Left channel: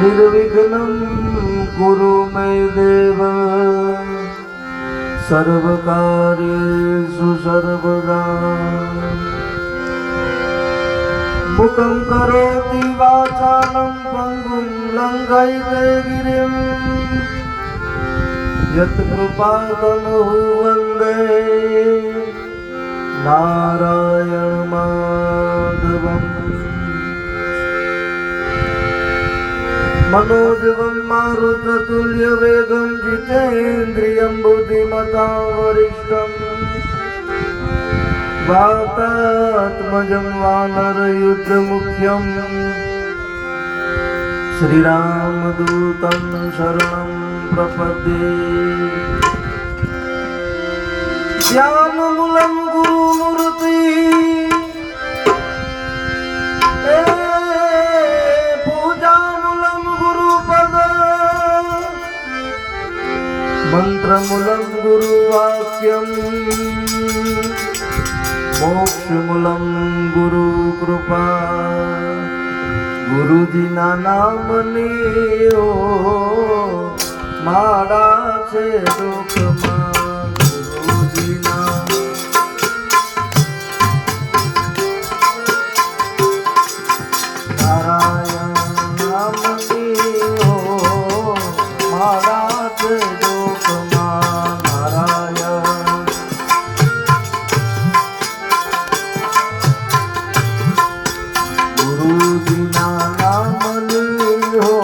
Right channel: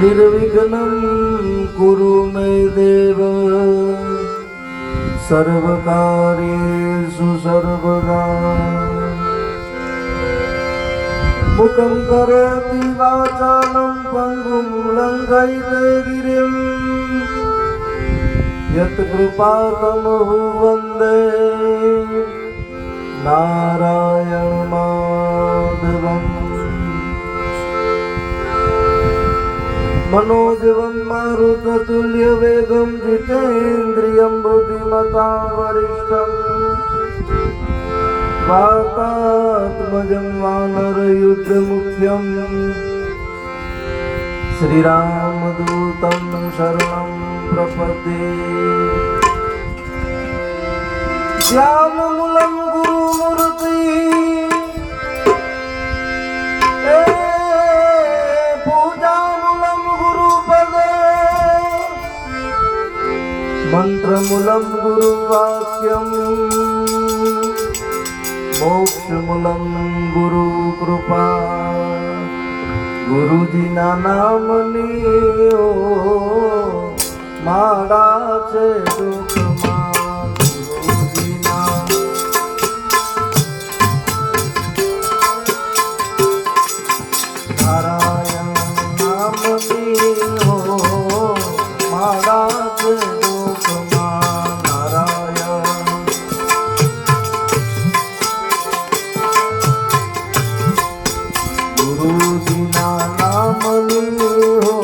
निर्विघ्नं कुरु मे देव सर्वकार्येषु सर्वदा मुखं करोति वाचालं पङ्गुं लङ्घयते गिरिं यत्कृपातमहु वन्दे नारायणमाधवम् मनोजवं मारुततुल्यवेगं जितेन्द्रियं बुद्धिमतां वरिष्ठं वातात्मजं वानरयुद्धमुख्यं श्रीरामदूतं शरणं प्रपद्ये ज्ञानमूलं गुरुमूर्ति मंत्रमूलं गुरुवाक्यं मोक्षमूलं गुरुकृपा गुरुजीना नामनी ओ माड़ा छे दुखमा गुरुजीना नारायण नामनी ओ माड़ा छे गुरुजीना नामनी हो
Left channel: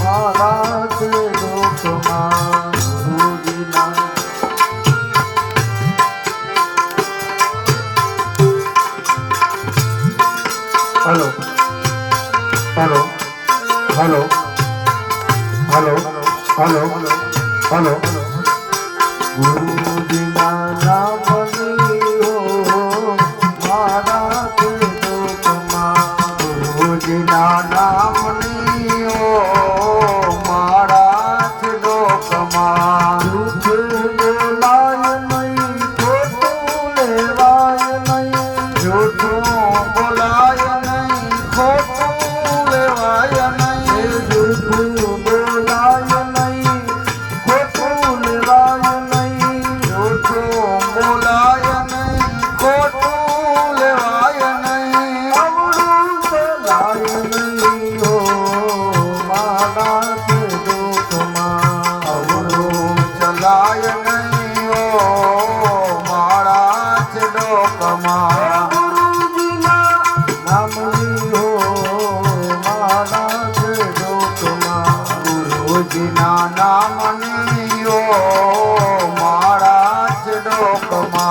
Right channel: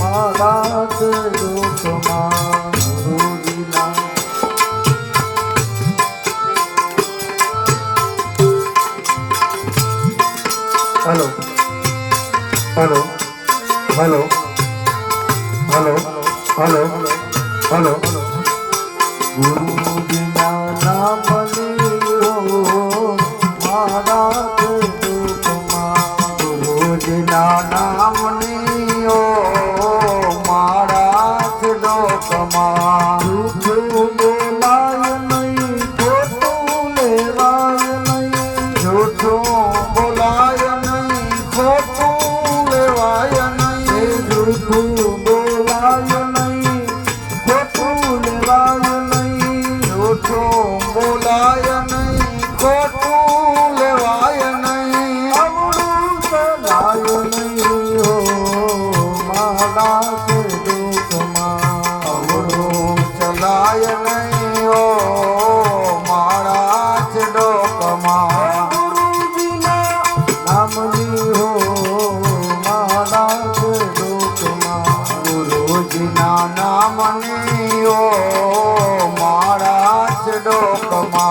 मारा छे दुखमा गुरुजीना hello hello hello hello hello hello गुरुजीना नामनी हो मारा छे गुरुजीना नामनी ओ मारा छे डोकमा झूठું બોલાય નહીં ખોટું લેવાય નહીં झूठું બોલાય નહીં ખોટું લેવાય નહીં झूठું બોલાય નહીં ખોટું લેવાય નહીં झूठું બોલાય નહીં ખોટું લેવાય નહીં नहीं हो माला से दुखमा अवरो चलाय नहीं हो माड़ा से डोकमा गुरुजीना नामनी हो माला से डोकमा गुरुजीना नामनी हो माड़ा से डोकमा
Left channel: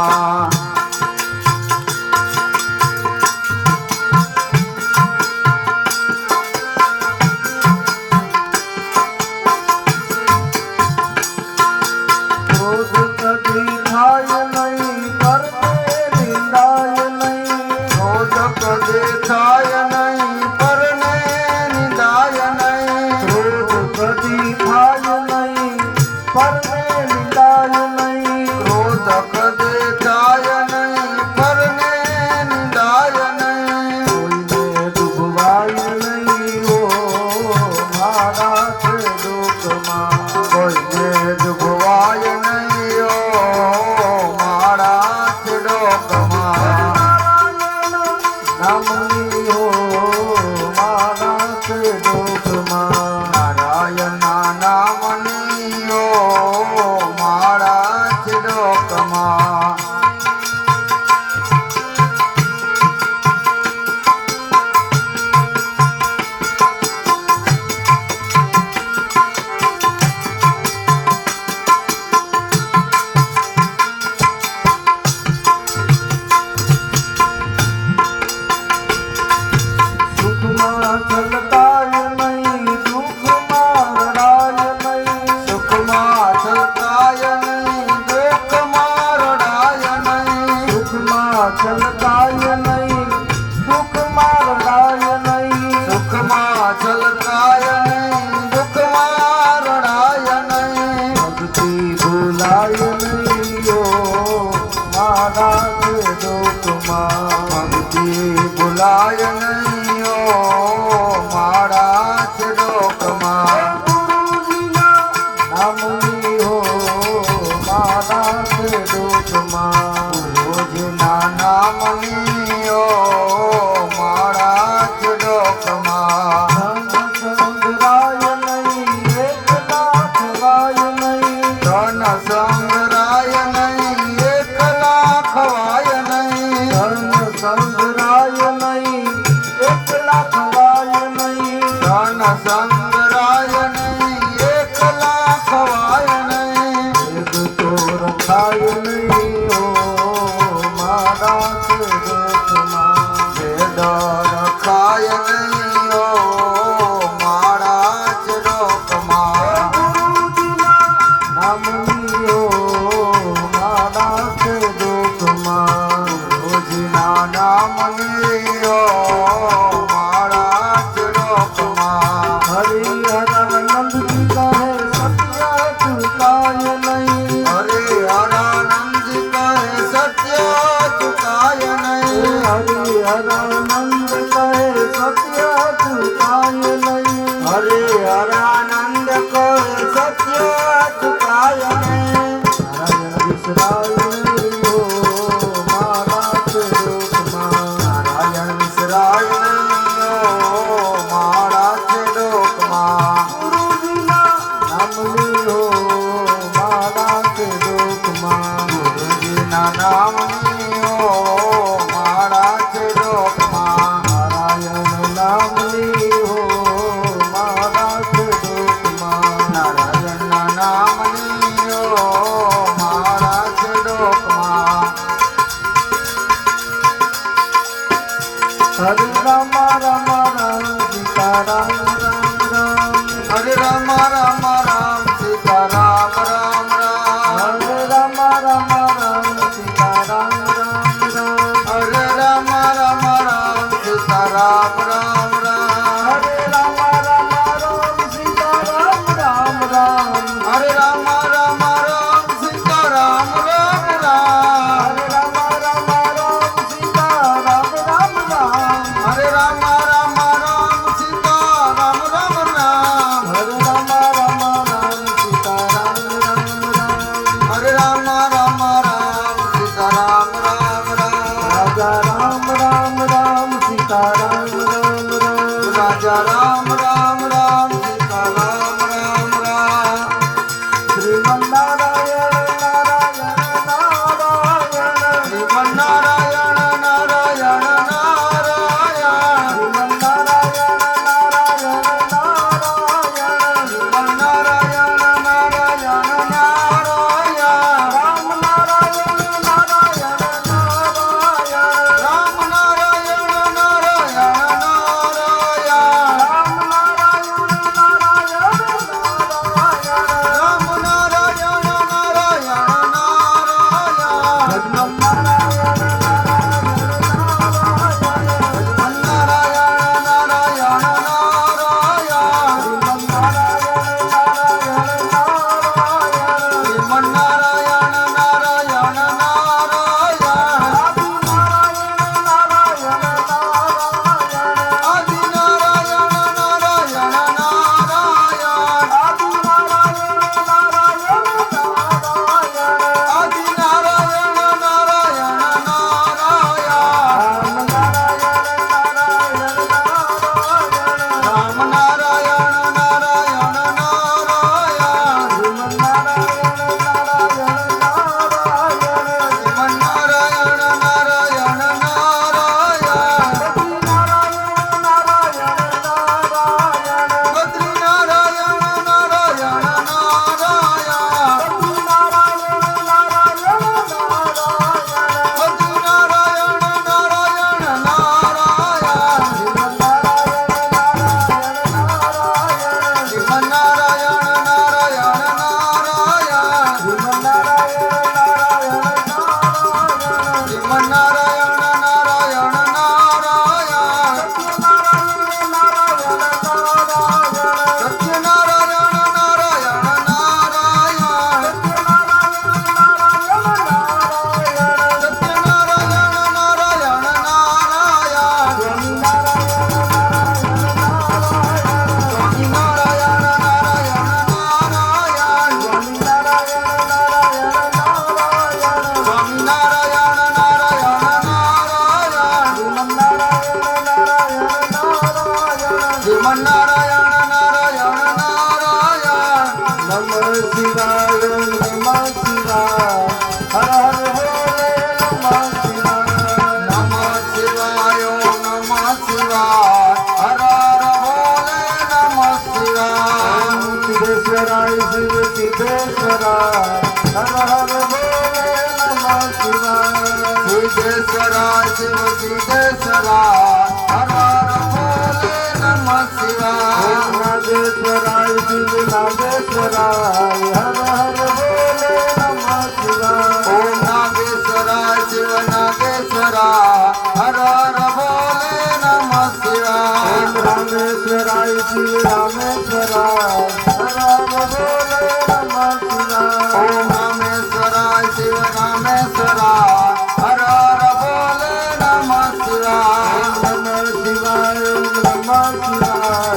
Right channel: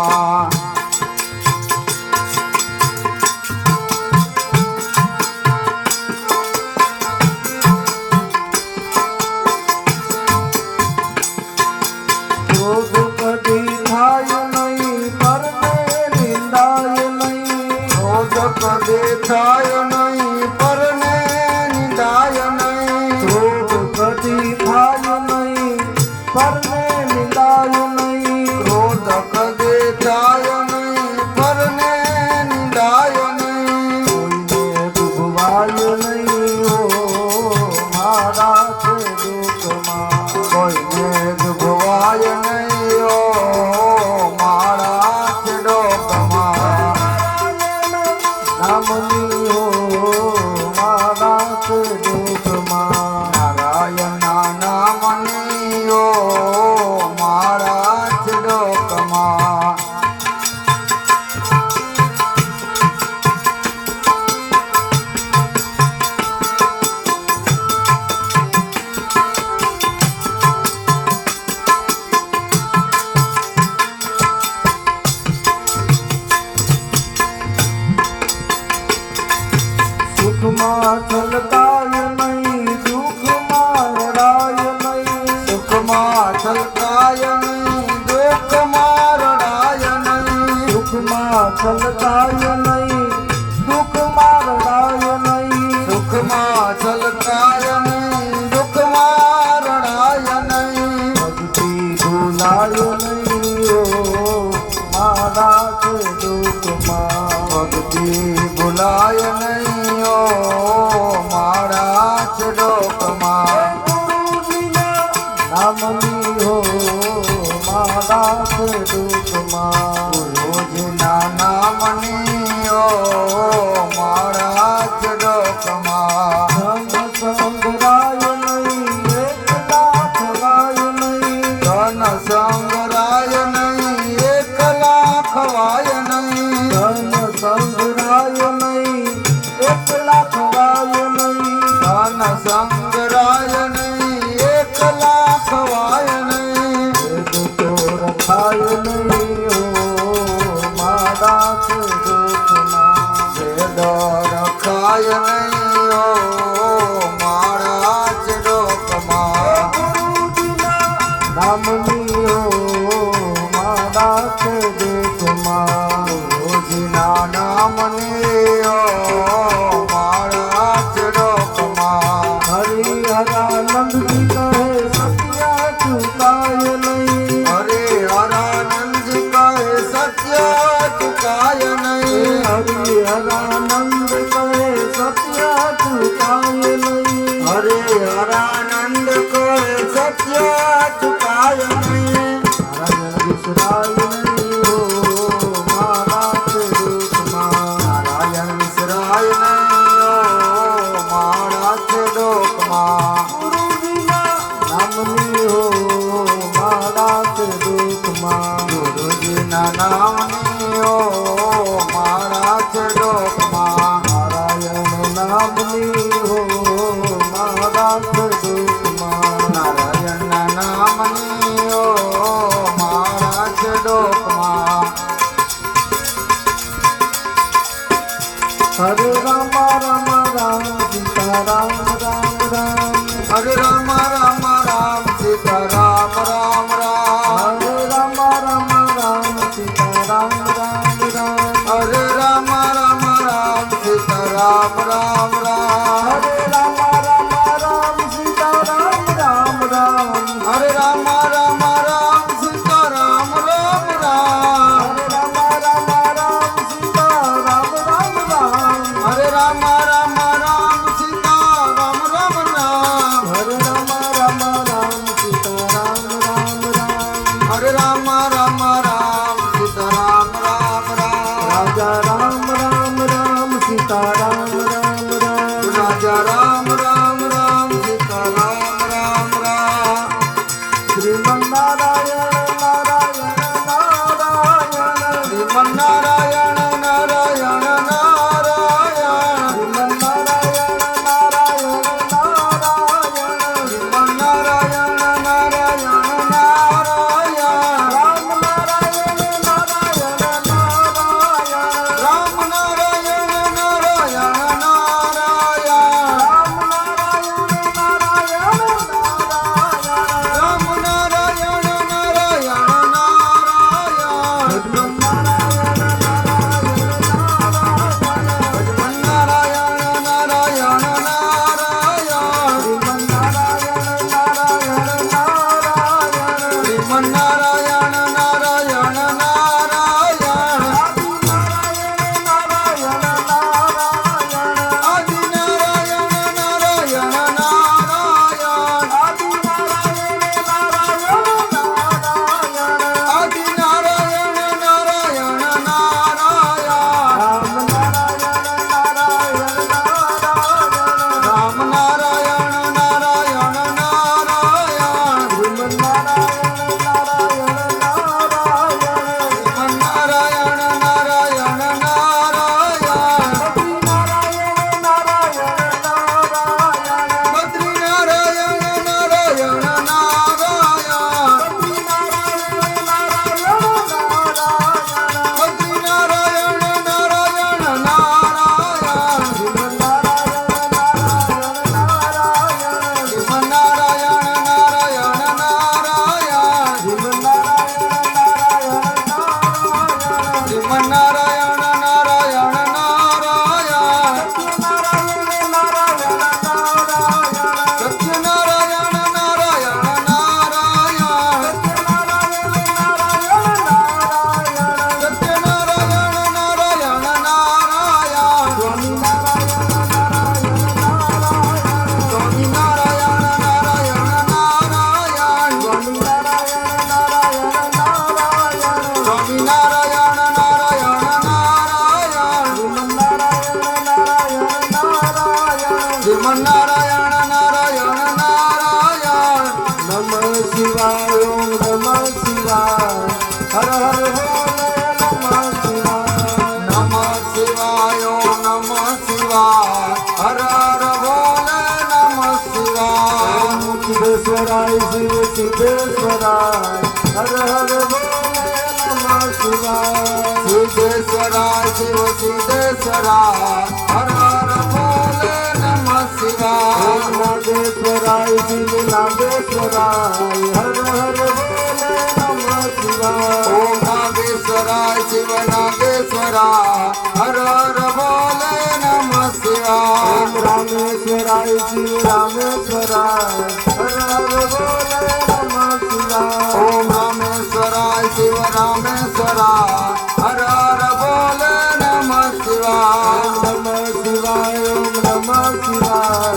देखाय नहीं परने निंदाय नहीं क्रोध कदी थाय नहीं परने निंदाय नहीं क्रोध कदे थाय नहीं परने निंदाय नहीं कोઈને ડૂબવાય नहीं हो मारा छे दुखમાં कोઈને ડૂબવાય नहीं हो मारा छे ડોકમાં नामनी हो मारा छे दुखमा नारायण नामनी हो मारा छे डोकमा સંભળાય નહીં ઓ મારા ચડોકમાં નામની હો મારા ચડોકમાં ગુરુજીના નામની ઓ મારા ચડોકમાં ધન સંગ્રાય નહીં એકલા થવાય નહીં ધન સંગ્રાય નહીં એકલા ખવાય નહીં ધન સંગ્રાય નહીં એકલા ખવાય નહીં ધન સંગ્રાય નહીં એકલા ખવાય નહીં વેદ તો રખાય નહીં હો મારા ચડોકમાં વેદ રખાય નહીં ઓ મારા ચડોકમાં નામની હો મારા ચડોકમાં ગુરુજીના નામની ઓ મારા ચડોકમાં હરિહરાનંદજી કહે સત્ય ચુકાય નહીં હરિહરાનંદજી કહે સત્ય ચુકાય નહીં હરિહરાનંદ કહે સત્ય ચુકાય નહીં હરિહરાનંદ કહે સત્ય ચુકાય નહીં નારાયણ વિસરાય નહીં હો મારા ચડોકમાં નારાયણ વિસરાય નહીં ઓ મારા ચડોકમાં ગુરુજીના નામની હો મારા ચડોકમાં ગુરુજીના નામની ઓ મારા ચડોકમાં નારાયણ નામની હો મારા ચડોકમાં નારાયણના નામની ઓ મારા ચડોકમાં હરે રામ રામ રામ સીતા રામ રામ રામ હરે રામ રામ રામ સીતા રામ રામ રામ હરે રામ રામ રામ સીતા રામ રામ રામ હરે રામ રામ રામ સીતા રામ રામ રામ હરે રામ રામ રામ સીતા રામ રામ રામ હરે રામ રામ રામ સીતા રામ રામ રામ હરે રામ રામ રામ સીતા રામ રામ રામ હરે રામ રામ રામ સીતા રામ રામ રામ હરે રામ રામ રામ સીતા રામ રામ રામ હરે રામ રામ રામ સીતા રામ રામ રામ રાજા રામ રામ રામ સીતા રામ રામ રામ રાજા રામ રામ રામ સીતા રામ રામ રામ શ્રીમન્નારાયણ નારાયણ નારાયણ શ્રીમન નારાયણ નારાયણ નારાયણ શ્રીમન્નારાયણ નારાયણ નારાયણ શ્રીમન નારાયણ નારાયણ નારાયણ રામ નારાયણ નારાયણ નારાયણ રામ નારાયણ નારાયણ સિદ્ધેશ્વરાય શિવ સિદ્ધેશ્વરાય હર હર બોલે નમઃ શિવાય સિદ્ધેશ્વરાય શિવ સિદ્ધેશ્વરાય હર હર બોલે નમઃ શિવાય ઓમ નાગેશ્વરાય શિવ નાગેશ્વરાય હર હર બોલે નમઃ શિવાય ઓમ નાગેશ્વરાય શિવ નાગેશ્વરાય હર હર બોલે નમઃ શિવાય ઓમ રામેશ્વરાય શિવ રામેશ્વરાય હર હર બોલે નમઃ શિવાય ઓમ રામેશ્વરાય શિવ રામેશ્વરાય હર હર બોલે નમઃ શિવાય ઓમ નમઃ શિવાય ઓમ નમઃ શિવાય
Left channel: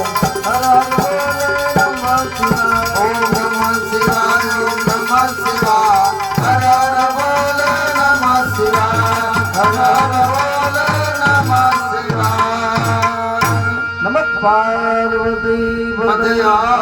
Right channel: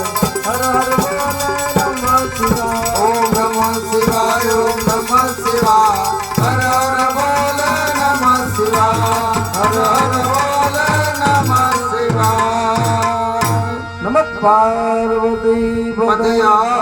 હર હર બોલે નમઃ શિવાય ઓમ નમઃ શિવાય ઓમ નમઃ શિવાય હર હર બોલે નમઃ શિવાય હર હર બોલે નમઃ શિવાય નમઃ પાર્વતી પતય પતયા